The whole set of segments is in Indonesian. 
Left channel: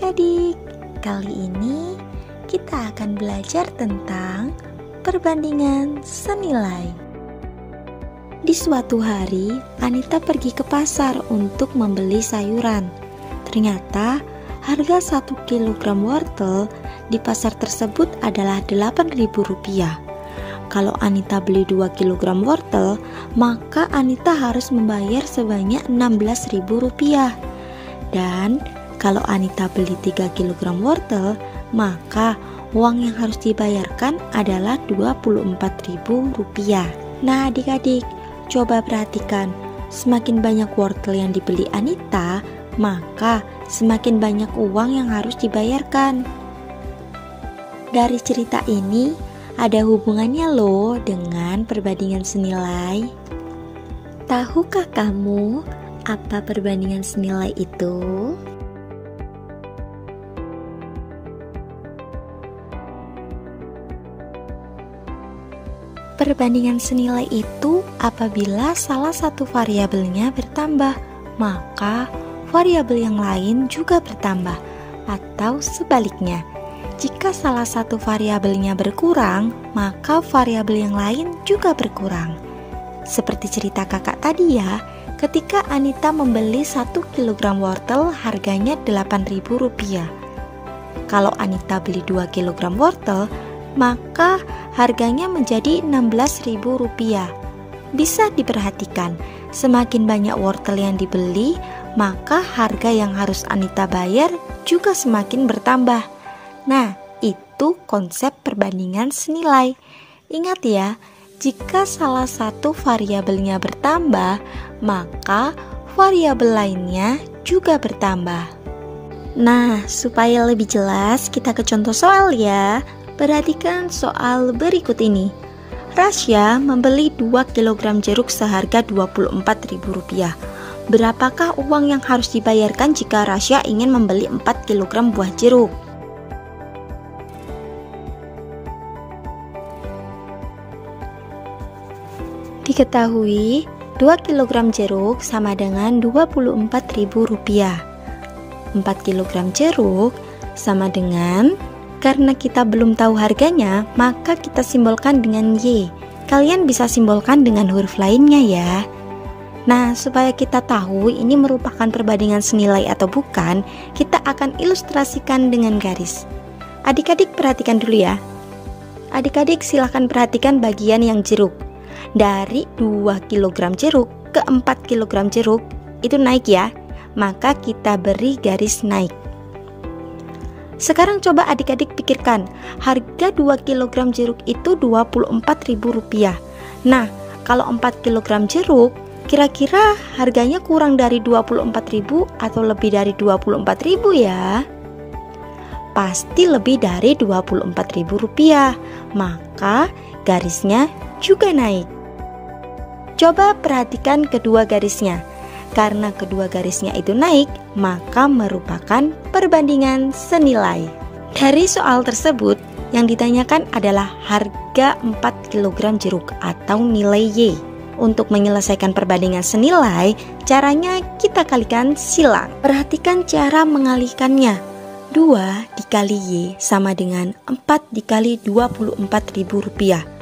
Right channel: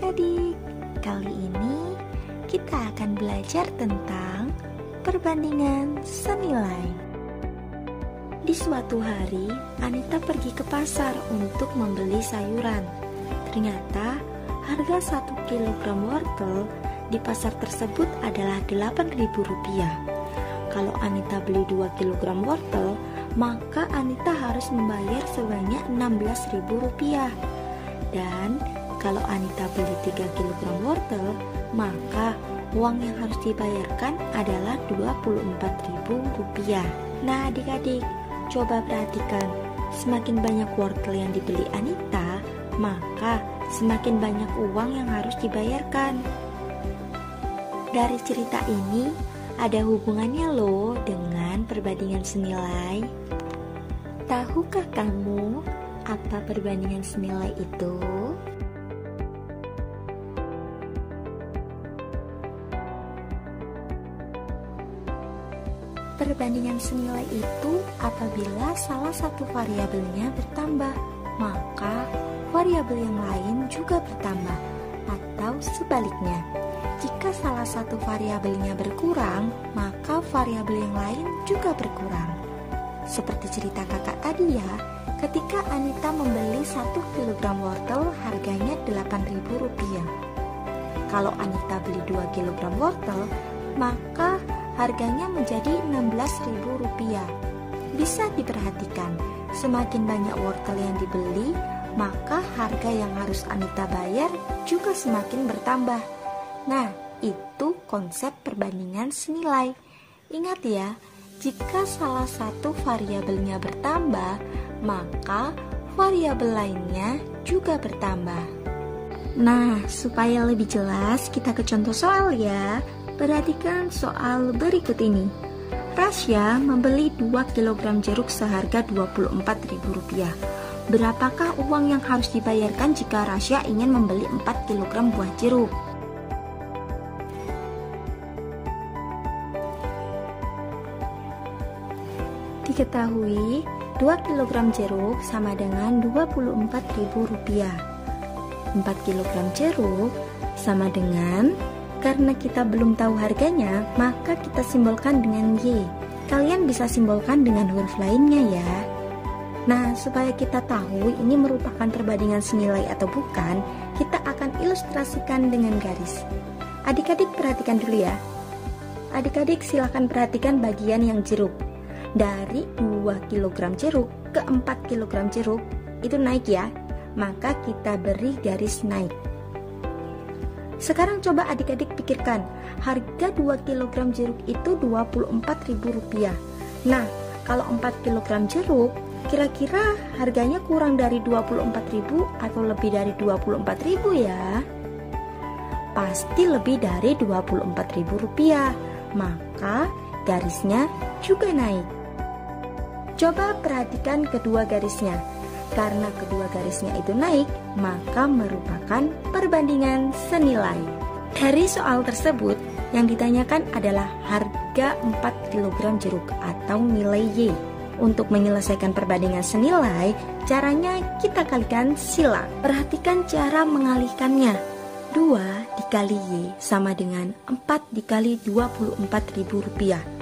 adik-adik, kali ini kita akan belajar tentang perbandingan senilai. Di suatu hari, Anita pergi ke pasar untuk membeli sayuran. Ternyata harga 1 kilogram wortel di pasar tersebut adalah Rp8.000. Kalau Anita beli 2 kilogram wortel, maka Anita harus membayar sebanyak Rp16.000. Dan kalau Anita beli 3 kilogram wortel, maka uang yang harus dibayarkan adalah Rp24.000. Nah adik-adik, coba perhatikan, semakin banyak wortel yang dibeli Anita, maka semakin banyak uang yang harus dibayarkan. Dari cerita ini, ada hubungannya loh dengan perbandingan senilai. Tahukah kamu apa perbandingan senilai itu? Perbandingan senilai itu apabila salah satu variabelnya bertambah, maka variabel yang lain juga bertambah, atau sebaliknya. Jika salah satu variabelnya berkurang, maka variabel yang lain juga berkurang. Seperti cerita kakak tadi ya, ketika Anita membeli 1 kilogram wortel harganya Rp8.000. Kalau Anita beli 2 kilogram wortel, maka harganya menjadi Rp16.000. Bisa diperhatikan, semakin banyak wortel yang dibeli, maka harga yang harus Anita bayar juga semakin bertambah. Nah, itu konsep perbandingan senilai. Ingat ya, jika salah satu variabelnya bertambah, maka variabel lainnya juga bertambah. Nah, supaya lebih jelas, kita ke contoh soal ya. Perhatikan soal berikut ini. Rasya membeli 2 kg jeruk seharga Rp24.000. Berapakah uang yang harus dibayarkan jika Rasya ingin membeli 4 kg buah jeruk? Diketahui 2 kg jeruk sama dengan Rp24.000. 4 kg jeruk sama dengan, karena kita belum tahu harganya, maka kita simbolkan dengan Y. Kalian bisa simbolkan dengan huruf lainnya ya. Nah, supaya kita tahu ini merupakan perbandingan senilai atau bukan, kita akan ilustrasikan dengan garis. Adik-adik perhatikan dulu ya. Adik-adik silahkan perhatikan bagian yang jeruk. Dari 2 kg jeruk ke 4 kg jeruk itu naik ya, maka kita beri garis naik. Sekarang coba adik-adik pikirkan, harga 2 kg jeruk itu Rp24.000. Nah, kalau 4 kg jeruk, kira-kira harganya kurang dari Rp24.000 atau lebih dari Rp24.000 ya? Pasti lebih dari Rp24.000, maka garisnya juga naik. Coba perhatikan kedua garisnya. Karena kedua garisnya itu naik, maka merupakan perbandingan senilai. Dari soal tersebut, yang ditanyakan adalah harga 4 kg jeruk atau nilai Y. Untuk menyelesaikan perbandingan senilai, caranya kita kalikan silang. Perhatikan cara mengalihkannya. 2 dikali Y sama dengan 4 dikali Rp24.000.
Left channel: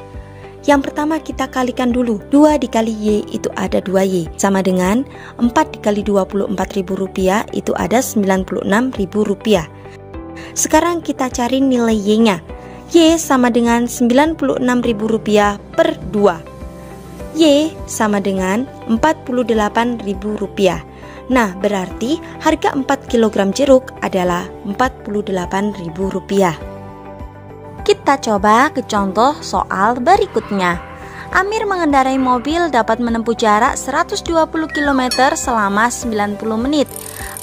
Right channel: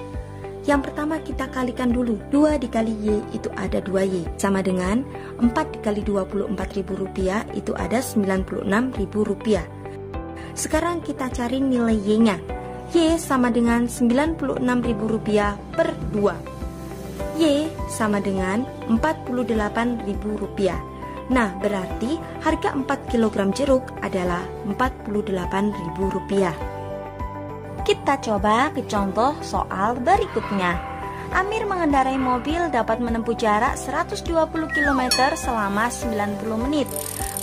Yang pertama kita kalikan dulu, 2 dikali Y itu ada 2Y, sama dengan 4 dikali Rp24.000 itu ada Rp96.000. Sekarang kita cari nilai Y-nya. Y sama dengan Rp96.000 per 2. Y sama dengan Rp48.000. Nah, berarti harga 4 kg jeruk adalah Rp48.000. Kita coba ke contoh soal berikutnya. Amir mengendarai mobil dapat menempuh jarak 120 km selama 90 menit.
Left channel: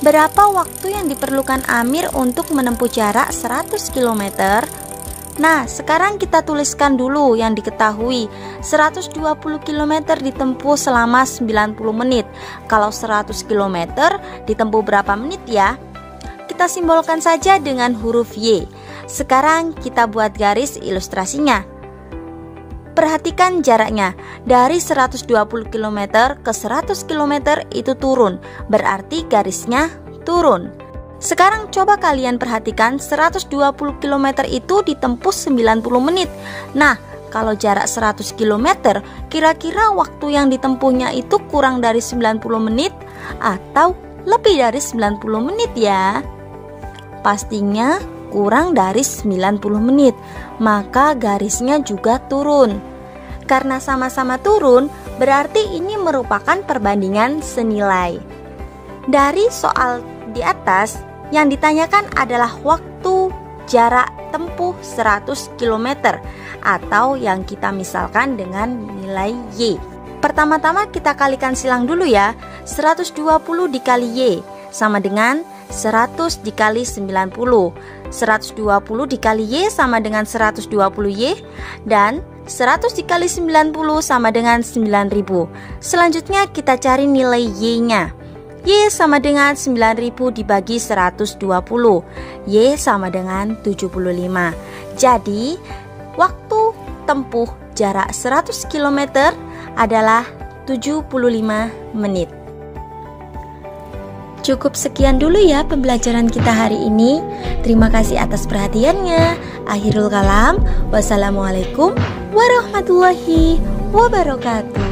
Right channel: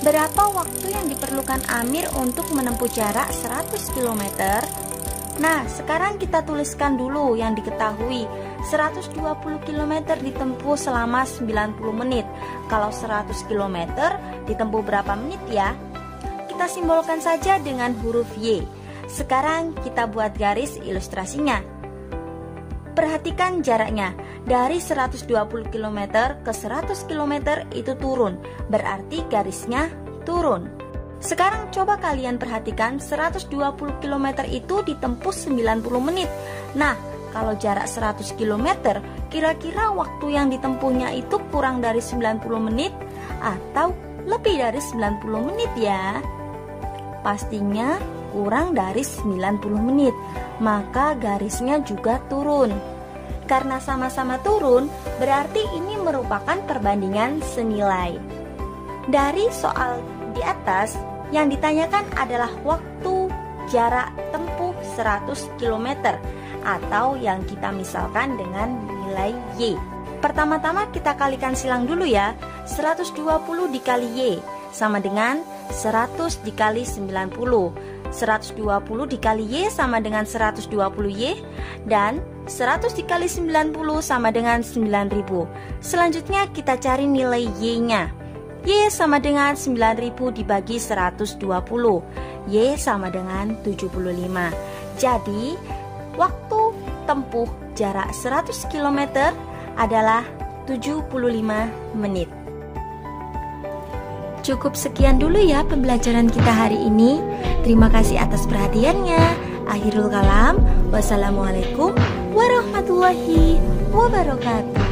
Berapa waktu yang diperlukan Amir untuk menempuh jarak 100 km? Nah, sekarang kita tuliskan dulu yang diketahui. 120 km ditempuh selama 90 menit. Kalau 100 km ditempuh berapa menit ya? Kita simbolkan saja dengan huruf Y. Sekarang kita buat garis ilustrasinya. Perhatikan jaraknya. Dari 120 km ke 100 km itu turun. Berarti garisnya turun. Sekarang coba kalian perhatikan 120 km itu ditempuh 90 menit. Nah, kalau jarak 100 km, kira-kira waktu yang ditempuhnya itu kurang dari 90 menit atau lebih dari 90 menit ya? Pastinya kurang dari 90 menit, maka garisnya juga turun. Karena sama-sama turun, berarti ini merupakan perbandingan senilai. Dari soal di atas, yang ditanyakan adalah waktu jarak tempuh 100 km atau yang kita misalkan dengan nilai Y. Pertama-tama kita kalikan silang dulu ya. 120 dikali Y sama dengan 100 dikali 90. 120 dikali Y sama dengan 120Y, dan 100 dikali 90 sama dengan 9000. Selanjutnya kita cari nilai Y-nya. Y sama dengan 9000 dibagi 120. Y sama dengan 75. Jadi, waktu tempuh jarak 100 km adalah 75 menit. Cukup sekian dulu ya pembelajaran kita hari ini. Terima kasih atas perhatiannya. Akhirul kalam. Wassalamualaikum warahmatullahi wabarakatuh.